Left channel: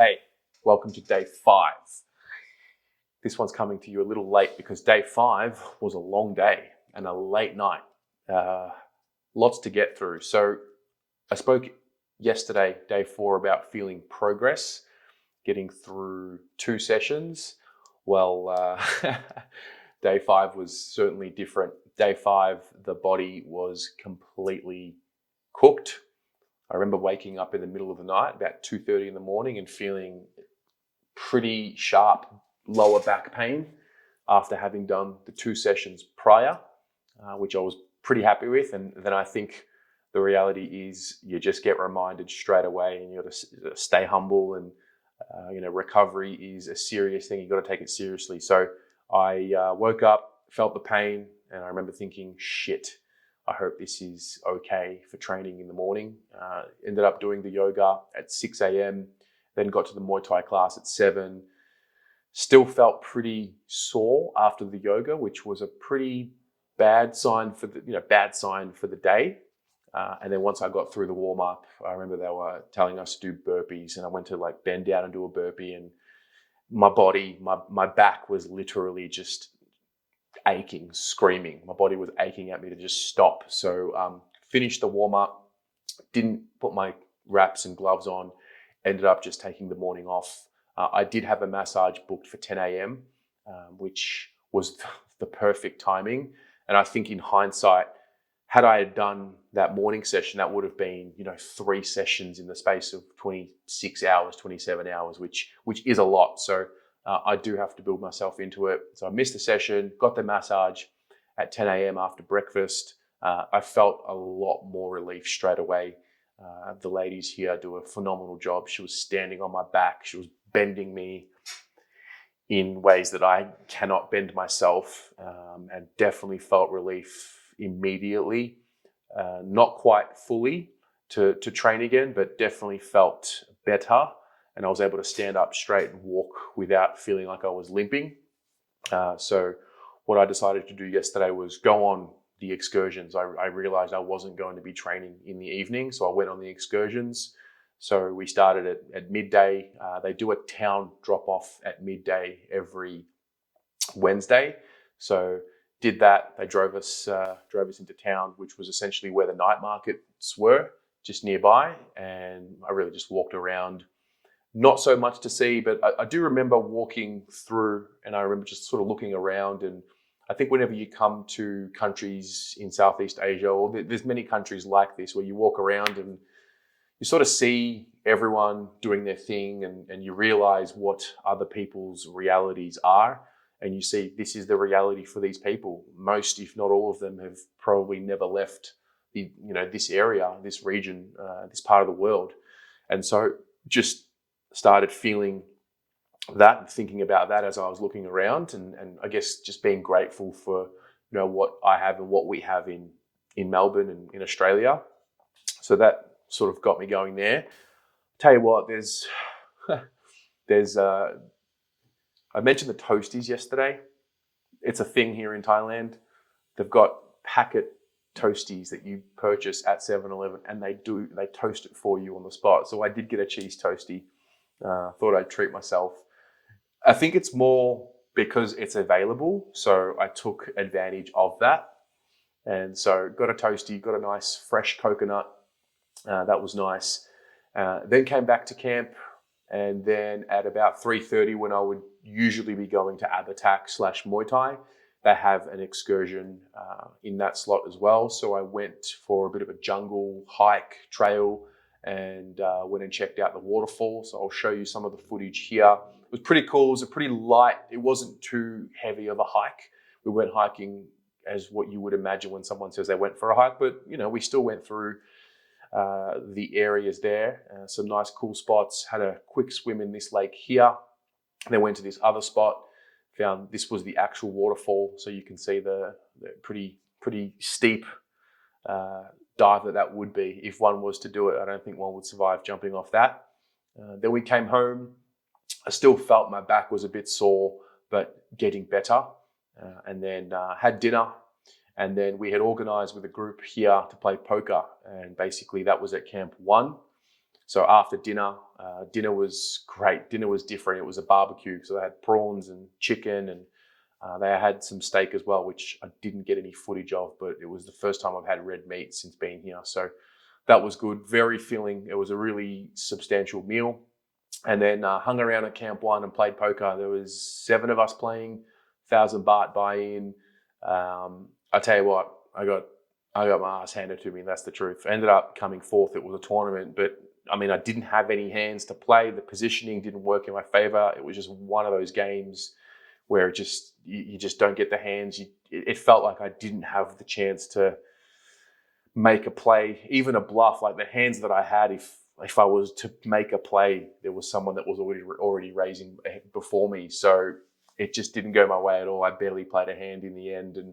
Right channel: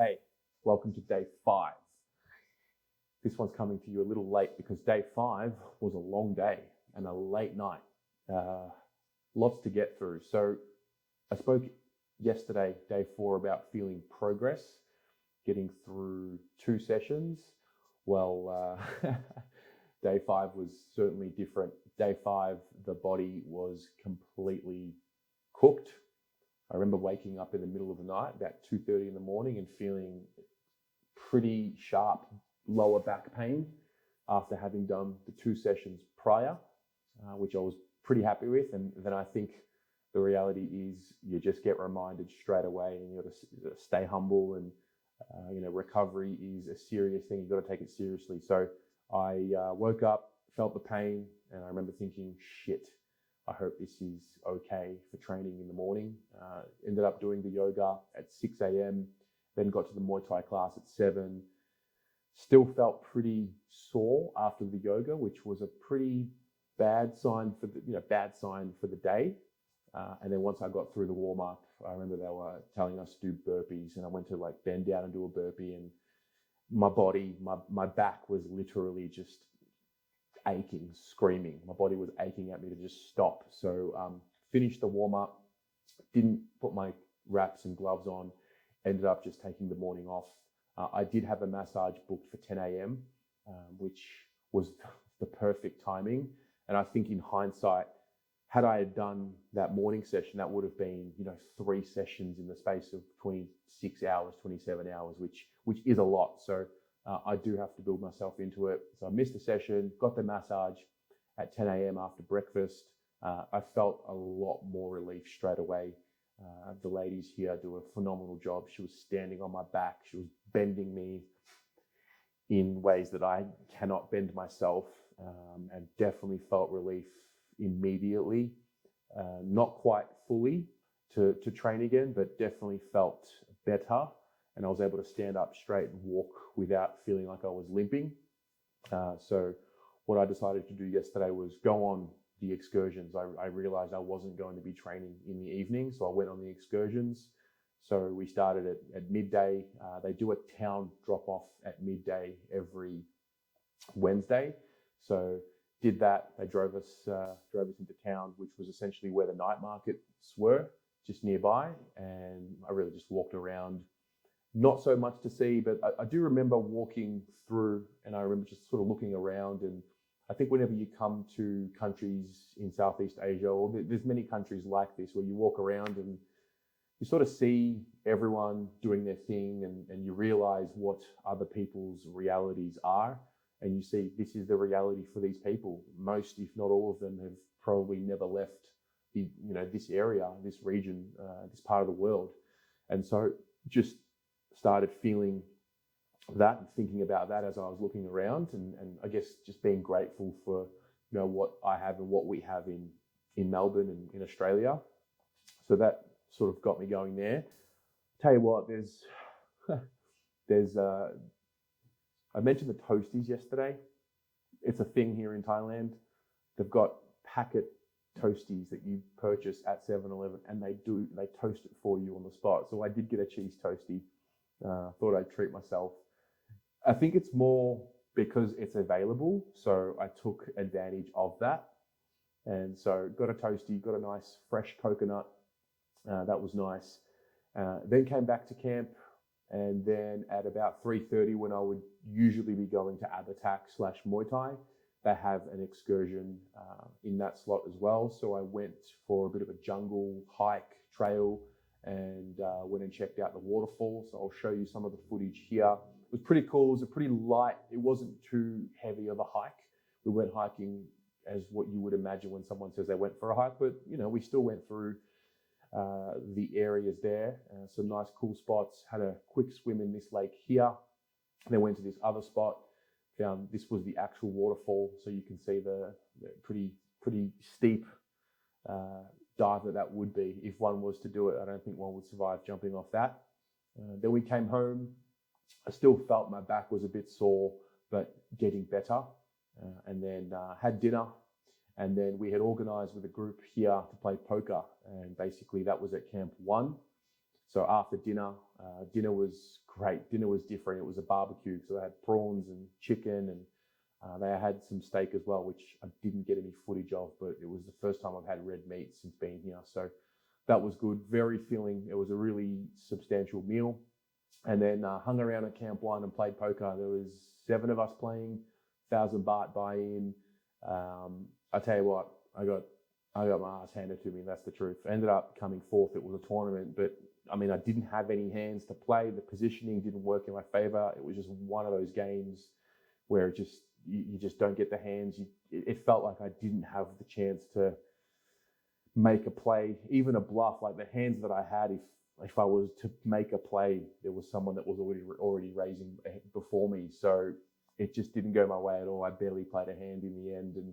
Hey, welcome to day 5. This one's coming to you a little late because day 5 was a long day and a late night. Lots to get through. So I spoke yesterday, day 4, about feeling progress, getting through 2 sessions. Well, day 5 was certainly different. Day 5, the body was completely cooked. I remember waking up in the middle of the night, about 2:30 in the morning, and feeling pretty sharp lower back pain after having done the 2 sessions prior, which I was pretty happy with. And then I think the reality is you just get reminded straight away, and you got to stay humble. And recovery is a serious thing. You got to take it seriously. So I woke up, felt the pain, and I remember thinking, shit, I hope this is okay for training in the morning. Ended up doing the yoga at 6 a.m., then got to the Muay Thai class at 7. Still felt pretty sore after the yoga, which was a pretty bad sign for the day. And then once I got through the warm up, I remember they were telling us to do burpees, and I went to bend down and do a burpee, and my back was literally just aching, screaming. My body was aching at me to just stop. So finished the warm up, didn't put my wraps and gloves on, ended up just taking the morning off. I did have a massage booked for 10 a.m., which was the perfect timing. And I think in hindsight, had I done that morning session, that would have been 3 sessions in the space of 26 hours, 27 hours, which is a lot. So I do have to build myself into it. So I missed the session, got the massage at 10 a.m. after breakfast. I felt a lot more relief straight away. The ladies here do a phenomenal job. She was standing on my back. She was bending me in ways that I cannot bend myself, and definitely felt relief immediately. Not quite fully to train again, but definitely felt better. And I was able to stand up straight and walk without feeling like I was limping. So what I decided to do yesterday was go on the excursions. I realized I wasn't going to be training in the evening, so I went on the excursions. So we started at midday. They do a town drop-off at midday every Wednesday. So did that. They drove us into town, which was essentially where the night markets were, just nearby. And I really just walked around. Not so much to see, but I do remember walking through, and I remember just sort of looking around. And I think whenever you come to countries in Southeast Asia, or there's many countries like this, where you walk around and you sort of see everyone doing their thing, and you realize what other people's realities are. And you see this is the reality for these people. Most, if not all of them, have probably never left this area, this region, this part of the world. And so just started feeling that and thinking about that as I was looking around, and I guess just being grateful for what I have and what we have in Melbourne and in Australia. So that sort of got me going there. Tell you what, there's I mentioned the Toasties yesterday. It's a thing here in Thailand. They've got packet Toasties that you purchase at 7-Eleven, and they toast it for you on the spot. So I did get a cheese toastie. Thought I'd treat myself. I think it's more because it's available, so I took advantage of that. And so got a toastie, got a nice fresh coconut. That was nice. Then came back to camp, and then at about 3:30, when I would usually be going to Abatak/Muay Thai, they have an excursion in that slot as well. So I went for a bit of a jungle hike trail, and went and checked out the waterfall. So I'll show you some of the footage here. It was pretty cool. It was a pretty light, it wasn't too heavy of a hike. We went hiking as what you would imagine when someone says they went for a hike, but we still went through the areas there. Some nice cool spots. Had a quick swim in this lake here. Then went to this other spot. Found this was the actual waterfall, so you can see the pretty steep dive that would be if one was to do it. I don't think one would survive jumping off that. Then we came home. I still felt my back was a bit sore, but getting better. And then had dinner. And then we had organized with a group here to play poker. And basically that was at Camp 1. So after dinner, dinner was great. Dinner was different. It was a barbecue, so they had prawns and chicken, and they had some steak as well, which I didn't get any footage of, but it was the first time I've had red meat since being here. So that was good, very filling. It was a really substantial meal. And then hung around at Camp 1 and played poker. There was 7 of us playing, 1,000 baht buy-in. I tell you what, I got my ass handed to me, that's the truth. I ended up coming fourth. It was a tournament, but I mean, I didn't have any hands to play. The positioning didn't work in my favor. It was just one of those games where you just don't get the hands. It felt like I didn't have the chance to make a play, even a bluff. Like the hands that I had, if I was to make a play, there was someone that was already raising before me. So it just didn't go my way at all. I barely played a hand in the end, and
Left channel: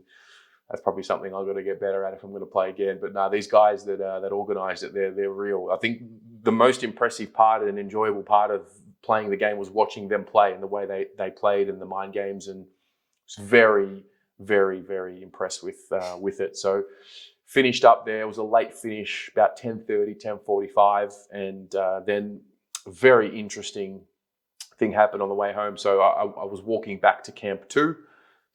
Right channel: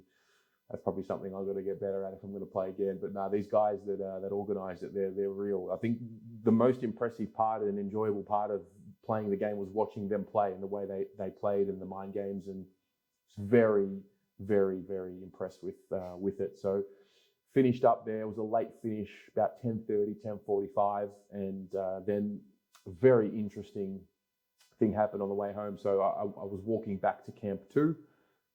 that's probably something I've got to get better at if I'm going to play again. But no, these guys that organised it, they're real. I think the most impressive part and enjoyable part of playing the game was watching them play and the way they played and the mind games, and I was very, very, very impressed with it. So finished up there. It was a late finish, about 10:30, 10:45, and then a very interesting thing happened on the way home. So I was walking back to Camp 2.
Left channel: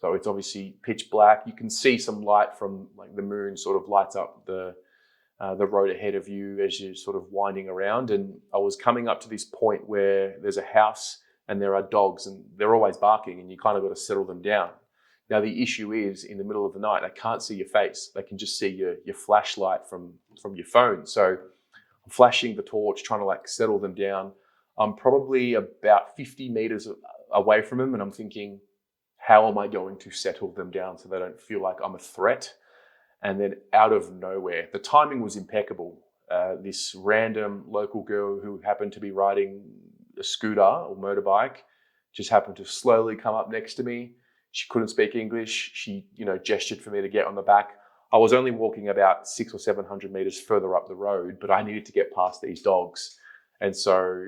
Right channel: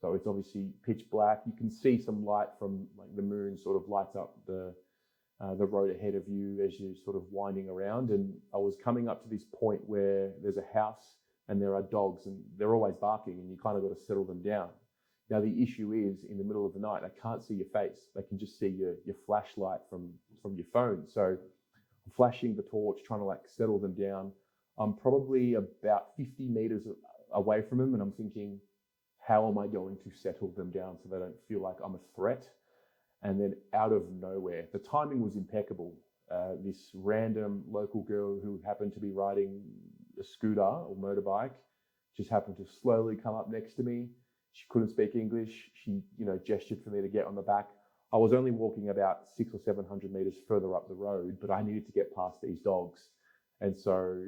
So it's obviously pitch black. You can see some light from like the moon sort of lights up the road ahead of you as you're sort of winding around. And I was coming up to this point where there's a house and there are dogs, and they're always barking, and you kind of got to settle them down. Now the issue is, in the middle of the night, they can't see your face. They can just see your flashlight from your phone. So I'm flashing the torch, trying to like settle them down. I'm probably about 50 meters away from them, and I'm thinking, how am I going to settle them down so they don't feel like I'm a threat? And then out of nowhere, the timing was impeccable. This random local girl who happened to be riding a scooter or motorbike just happened to slowly come up next to me. She couldn't speak English. She, gestured for me to get on the back. I was only walking about 600 or 700 meters further up the road, but I needed to get past these dogs. And so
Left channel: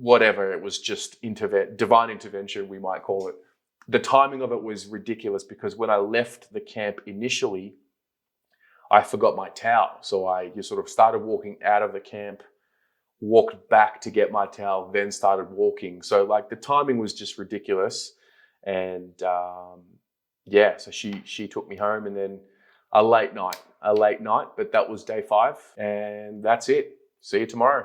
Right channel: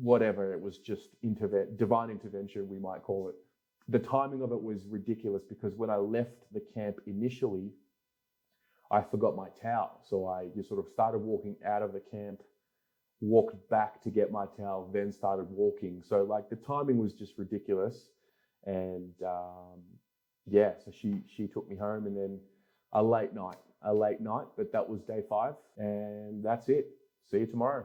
whatever, it was just divine intervention, we might call it. The timing of it was ridiculous because when I left the camp initially, I forgot my towel. So I just sort of started walking out of the camp, walked back to get my towel, then started walking. So like the timing was just ridiculous. And so she took me home, and then a late night, but that was day 5, and that's it. See you tomorrow.